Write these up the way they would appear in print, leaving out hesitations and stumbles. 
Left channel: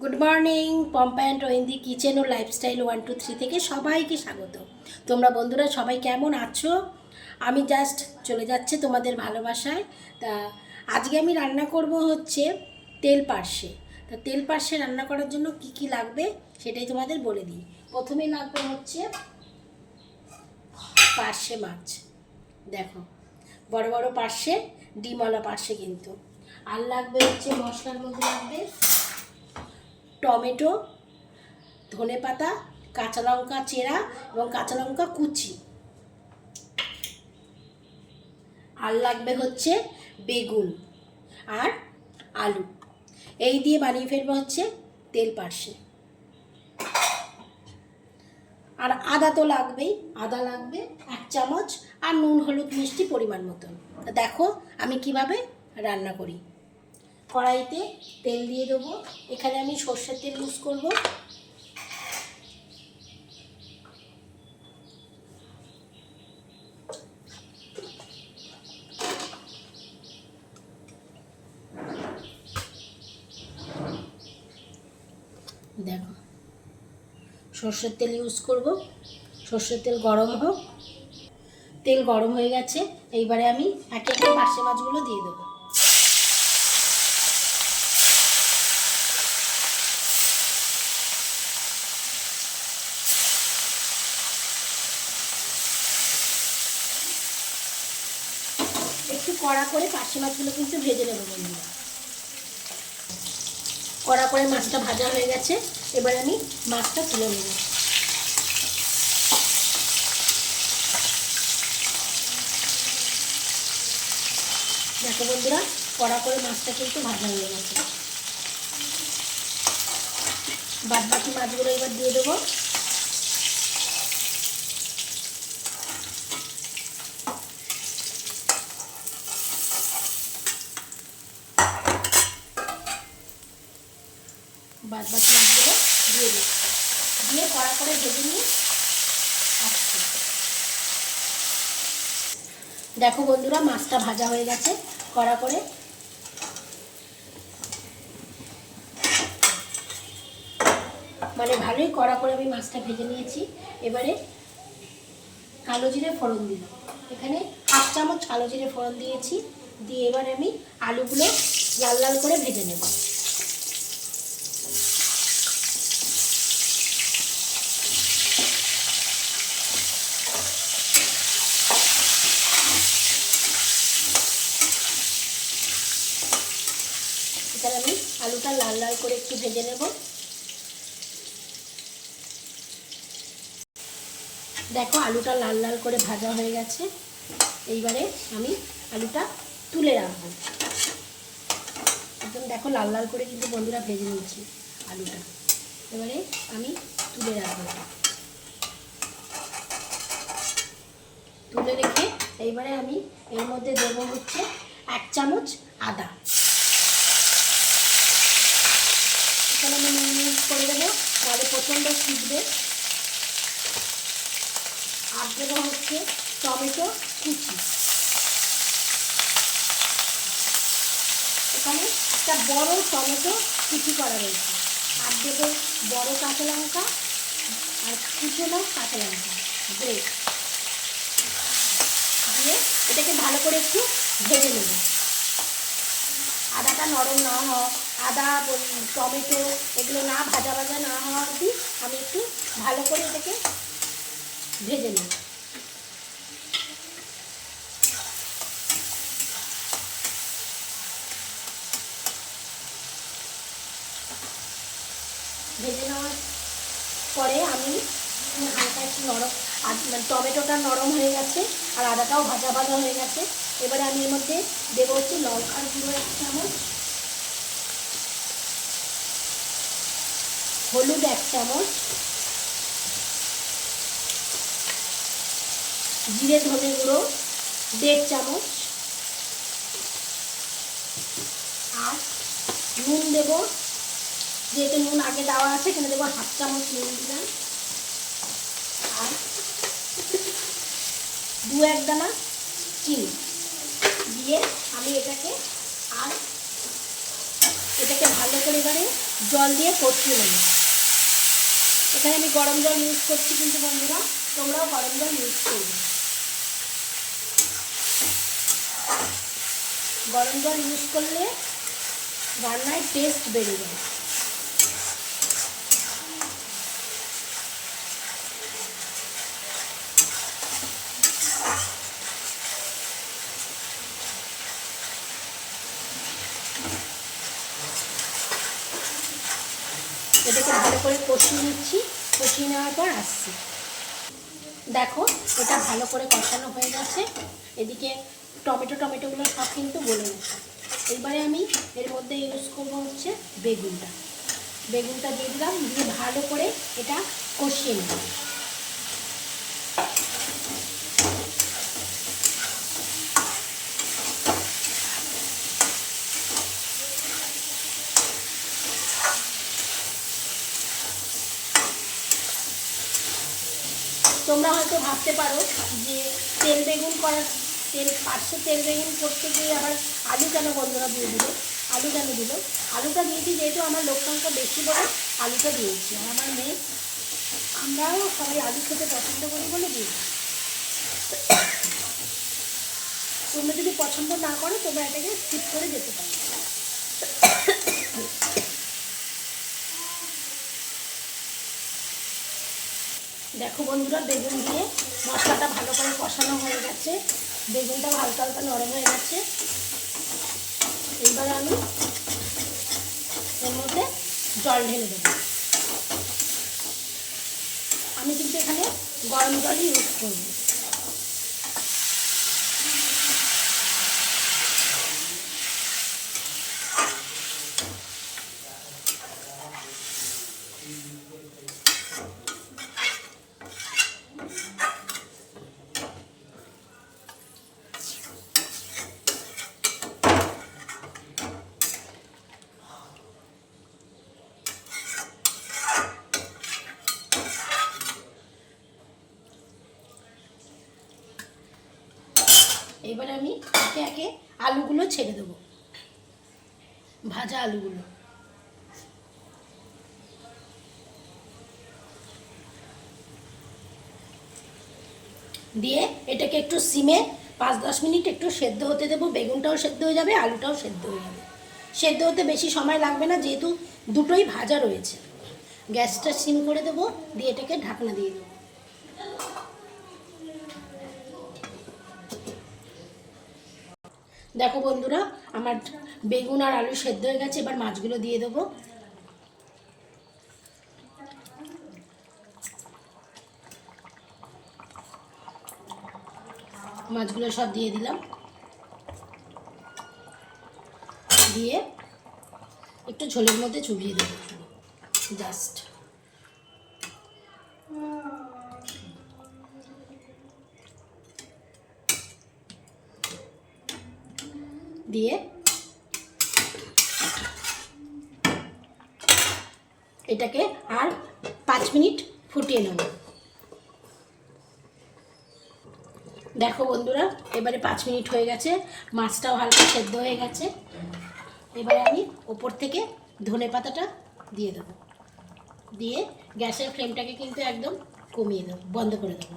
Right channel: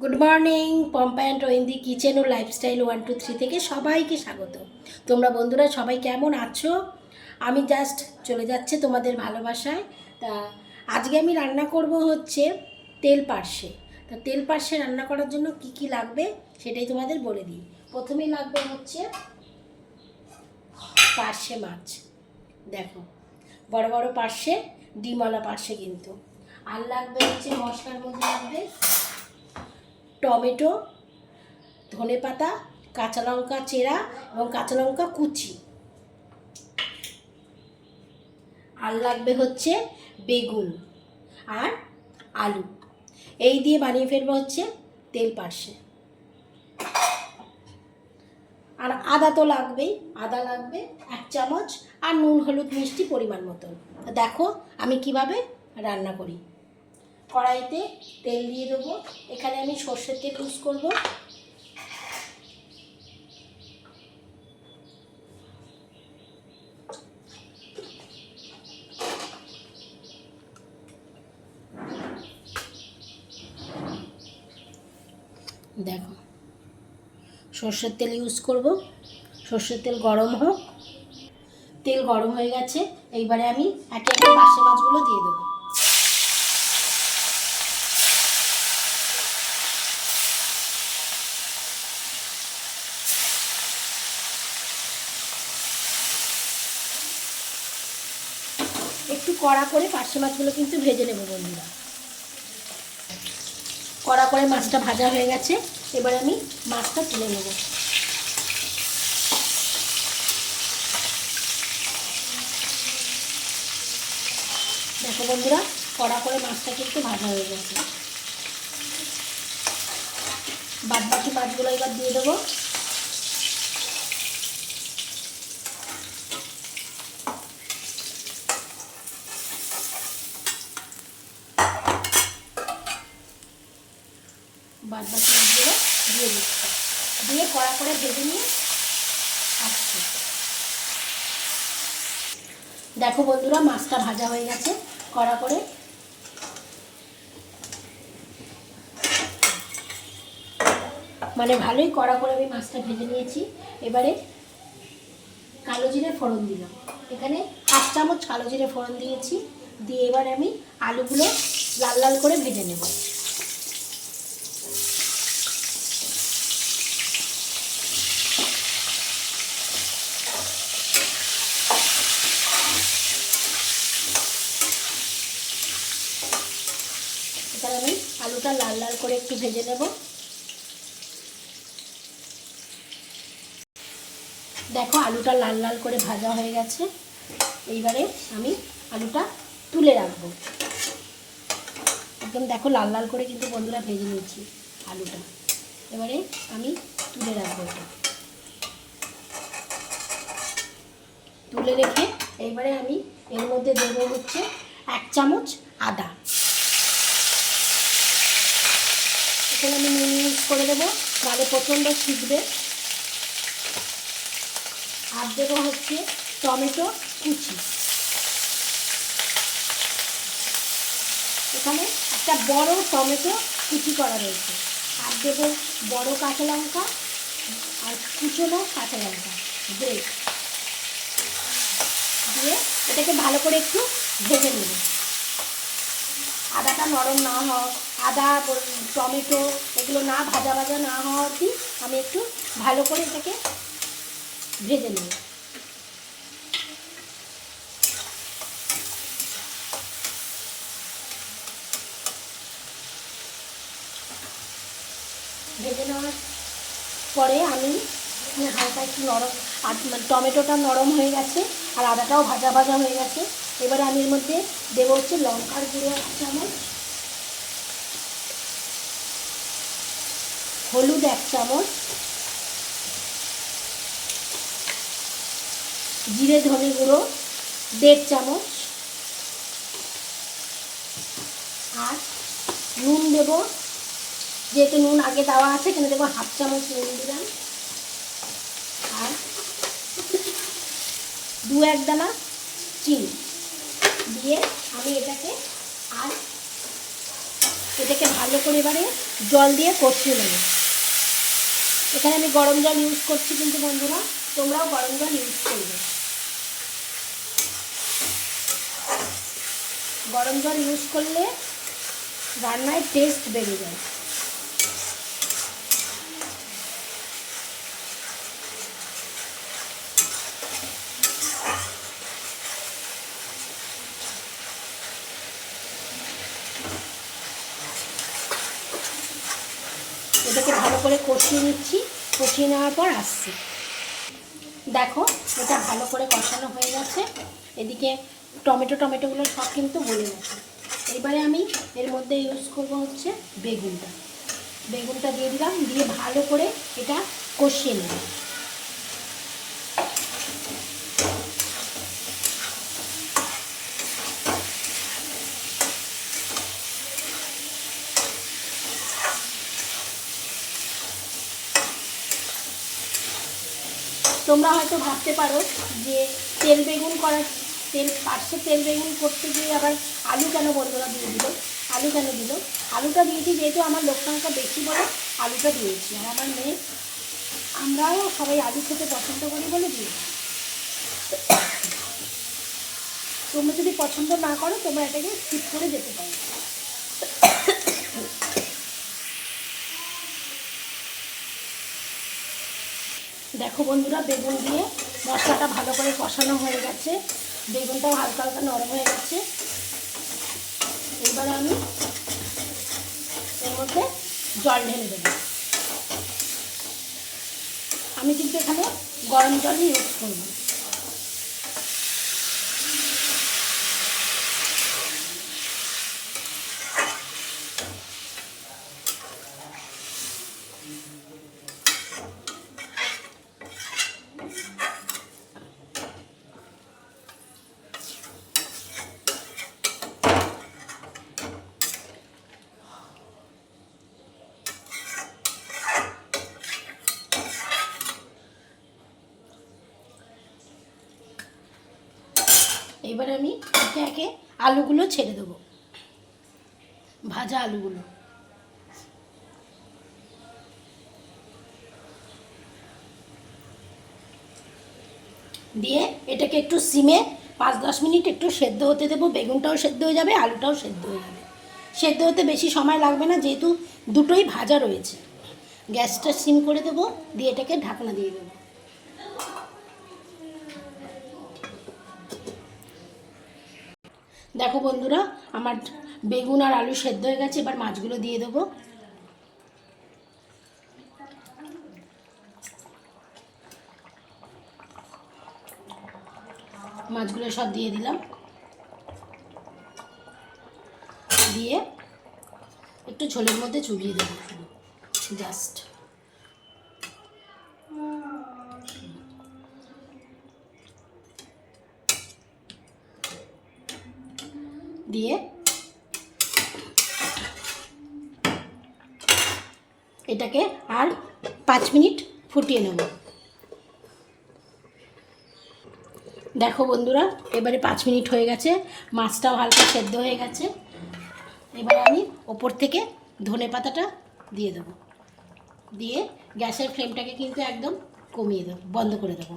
Good morning, Pompa and Rohindi kitchen ও lifestyle 1 2 3 থেকে সবাইকে স্বাগত। তোমরা বন্ধুরা সবাই কেমন আছো? আমি জাস্ট চলে যাচ্ছে তোমাদের ভালোবাসায়। তা আজকে আমি রান্না করব হচ্ছে তেল পার্শে। তা তেল পার্শে রান্না করার জন্য কি কি লাগবে সেটাই তোমাদের বলে দিই। প্রথমে লাগবে হচ্ছে পার্শে মাছ। দেখো, বড় বড় পার্শে, ডিমওয়ালা পার্শে কিন্তু। আর লাগবে হচ্ছে মশলার মধ্যে লাগবে টমেটো, ধনেপাতা, কাঁচা লঙ্কা চেরা এবং কাঁচা লঙ্কা কুচি। আর লাগবে হচ্ছে বেগুন আর আলু। এই দিয়ে বানিয়ে ফেলবো হচ্ছে তেল পার্শে। আর আদা তো লাগবেই, আদা লাগবে 1 চামচ, আর নুন হলুদ মিষ্টি পরিমাণ মতন। দেখো আমি কিভাবে রান্না করি। কড়াইতে তেল দিয়ে দেবো। এখানে আমি সর্ষের তেল ইউজ করব। দেখো, সর্ষের তেল ইউজ করব। সর্ষের তেল গরম হোক। তেল গরম হয়ে গেছে, এইবারে আমি একে একে পার্শে মাছগুলো দিয়ে দেবো। একটু কড়া করে পার্শে মাছগুলো কিন্তু ভেজে নেবো বন্ধুরা। কড়া করে মাছটা ভাজা হয়ে গেছে, এবার আমি মাছটা তুলে নেব। দেখো বন্ধুরা, কড়া করে মাছটা কিন্তু ভাজা হয়ে গেছে। বাদ বাকি মাছগুলো এবার দিয়ে দেবো। বাদ বাকি মাছগুলো দিয়ে দিচ্ছি, দিয়ে কড়া করে ভেজে নিয়ে আসছি। দেখো বন্ধুরা, মাছটা ভাজা হয়ে গেছে কড়া করে। মানে ভালোই কড়া করে আমি মাছটা ভেজে নিয়েছি। এবারে কালো জিরে ফোড়ন দিলাম। এখানে 1/2 চামচ কালো জিরে ফোড়ন দিয়েছি। দিয়ে এবার আমি আলুগুলো লাল লাল করে ভেজে নেব। এখানে আমি আলুটা লাল লাল করে একটু ভেজে নেব। দেখো, আলুটা লাল লাল করে ভাজা হয়ে গেছে। এইবারে আমি আলুটা তুলে রাখবো। একদম দেখো লাল লাল করে কিন্তু বন্ধুরা ভেজে নিয়েছি আলুটা। এবারে আমি তুলে রাখবো। তুলে রেখে এইবারে আমি এর মধ্যে দেবো হচ্ছে 1 চামচ আদা। এখানে আমি নুন ইউজ করে দেবো, নাহলে প্রচণ্ড শিখবে। আর দেবো হচ্ছে টমেটো কুচি। এখানে একটা বড় টমেটো কুচি করা রয়েছে। আর দেবো বড় কাঁচা লঙ্কা আর কুচনো কাঁচা লঙ্কা ব্রেড দিয়ে এটাকে ভালো করে একটু ভেজে নেব। আদাটা নরম না হওয়া, আদা টমেটো এগুলো না ভাজা ভাজা না হওয়া অবধি আমি একটু ভালো করে এটাকে ভেজে নেব। ভেজে নেওয়ার পরে আমি হালকা একটু নরম, টমেটোটা নরম হয়ে গেছে আর আদাটাও ভাজা ভাজা হয়ে গেছে। এবার আমি এর মধ্যে দেবো হচ্ছে লঙ্কার গুঁড়ো 1 চামচ, হলুদ 1 চামচ, জিরে ধনে গুঁড়ো 1.5 চামচ, আর নুন দেবো। যেহেতু নুন আগে দেওয়া আছে কিন্তু দেবো 1/2 চামচ নুন দিলাম। আর 2-1 দানা চিনি দিয়ে আমি এটাকে ভালো করে এবারে জল দিয়ে কষিয়ে নেব। এখানে আমি গরম জল ইউজ করছি, কিন্তু বন্ধুরা তোমরাও গরম জল ইউজ করবে। গরম জল ইউজ করলে রান্নায় টেস্ট বেড়ে যায়। এটাকে ভালো করে কষিয়ে নিচ্ছি, কষিয়ে নেওয়ার পর আসছি। দেখো এটা ভালো করে কষানো হয়ে গেছে। এদিকে টমেটোগুলো সব কিন্তু গলে গেছে। এবারে আমি এর মধ্যে ইউজ করবো হচ্ছে বেগুনটা দিয়ে দিলাম, দিয়ে ভালো করে এটা কষিয়ে নেব। তোমরা হয়তো ভাবতে পারো যে তেল বেগুন করতে গিয়ে আবার আলু কেন বন্ধুরা দিয়ে দিল, আলুটা দিয়েছি যেহেতু আমার লোক সংখ্যা বেশি বলে আলুটা দিয়েছি। আমার মেয়ে আমরাও সবাই আলু খেতে পছন্দ করি বলে দিয়েছি। তোমরা যদি পছন্দ না করো তোমরা এটাকে স্কিপ করে যেতে পারো। দেখো বন্ধুরা বেগুন দিয়ে মশলাটা ভালো করে কষানো হয়ে গেছে, বেগুনটাও হালকা হালকা নরম হয়ে গেছে। এবারে আমি এর মধ্যে জল ঢেলে দেব। আমি কিন্তু এখানে গরম জলই ইউজ করব। এবারে আমি একে একে আলুগুলো ছেড়ে দেবো, ভাজা আলুগুলো। দিয়ে এটাকে একটু সিমে 5-10 মিনিট একটু সেদ্ধ হতে দেবো। বেগুনটাও সেদ্ধ হয়ে যাবে, আলুটাও সেদ্ধ হয়ে যাবে। সেদ্ধ হতে বেশি সময় লাগবে না, যেহেতু দুটোই ভাজা রয়েছে। গ্যাসটা সিম করে দেবো, দিয়ে এটাকে ঢাকনা দিয়ে দেবো। দেখো বন্ধুরা আমার বেগুন আর আলু সেদ্ধ হয়ে গেছে। এবার মাছগুলো দিয়ে দেবো। মাছগুলো সব দিয়ে দিলাম, দিয়ে একটু ঝোলের মধ্যে চুবিয়ে দেবো জাস্ট। দিয়ে এটাকে আর 5 মিনিট ফুটিয়ে নেব। দেখো বন্ধুরা এবারে 5 মিনিট হয়ে গেছে, মাছটাও হালকা সেদ্ধ হয়ে গেছে। এবারে আমি ওপর থেকে ধনেপাতাটা দিয়ে দেবো, দিয়ে গ্যাসের ফ্লেমটাকে কিন্তু একদম কমিয়ে দেবো, বন্ধ করে দেবো।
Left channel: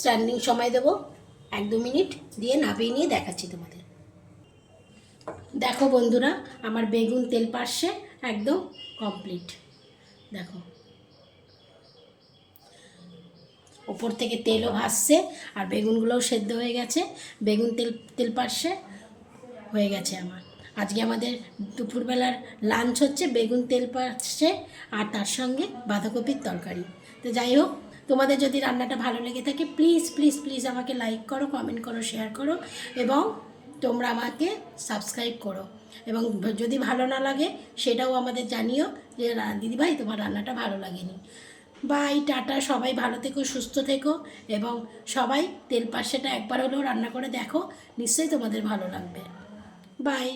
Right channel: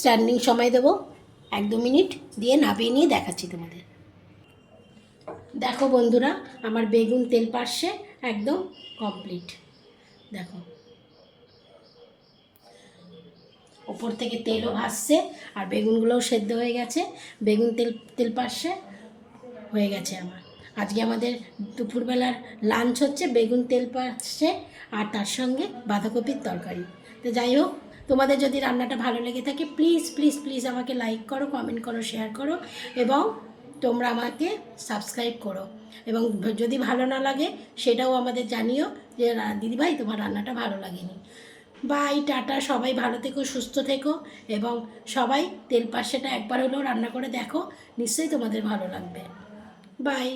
স্ট্যান্ডিং সময় দেবো 1-2 মিনিট, দিয়ে নামিয়ে নিয়ে দেখাচ্ছি তোমাদের। দেখো বন্ধুরা আমার বেগুন তেল পার্শে একদম কমপ্লিট। দেখো ওপর থেকে তেলও ভাসছে আর বেগুনগুলোও সেদ্ধ হয়ে গেছে। বেগুন তেল পার্শে হয়ে গেছে আমার। আজকে আমাদের দুপুরবেলার লাঞ্চ হচ্ছে বেগুন তেল পার্শে আর তার সঙ্গে বাঁধাকপির তরকারি। তো যাই হোক, তোমাদের যদি রান্নাটা ভালো লেগে থাকে প্লিজ প্লিজ প্লিজ আমাকে লাইক করো, কমেন্ট করো, শেয়ার করো এবং তোমরা আমাকে সাবস্ক্রাইব করো। এবং যদি ভালো না লাগে সেটাও আমাদের জানিও যে দিদিভাই তোমার রান্নাটা ভালো লাগেনি। Bye, tata. সবাই ভালো থেকো, সুস্থ থেকো এবং সবাই তেল পার্শেটা একবার হলেও রান্না করে দেখো, নিশ্চয়ই তোমাদের ভালো লাগবে। বাই।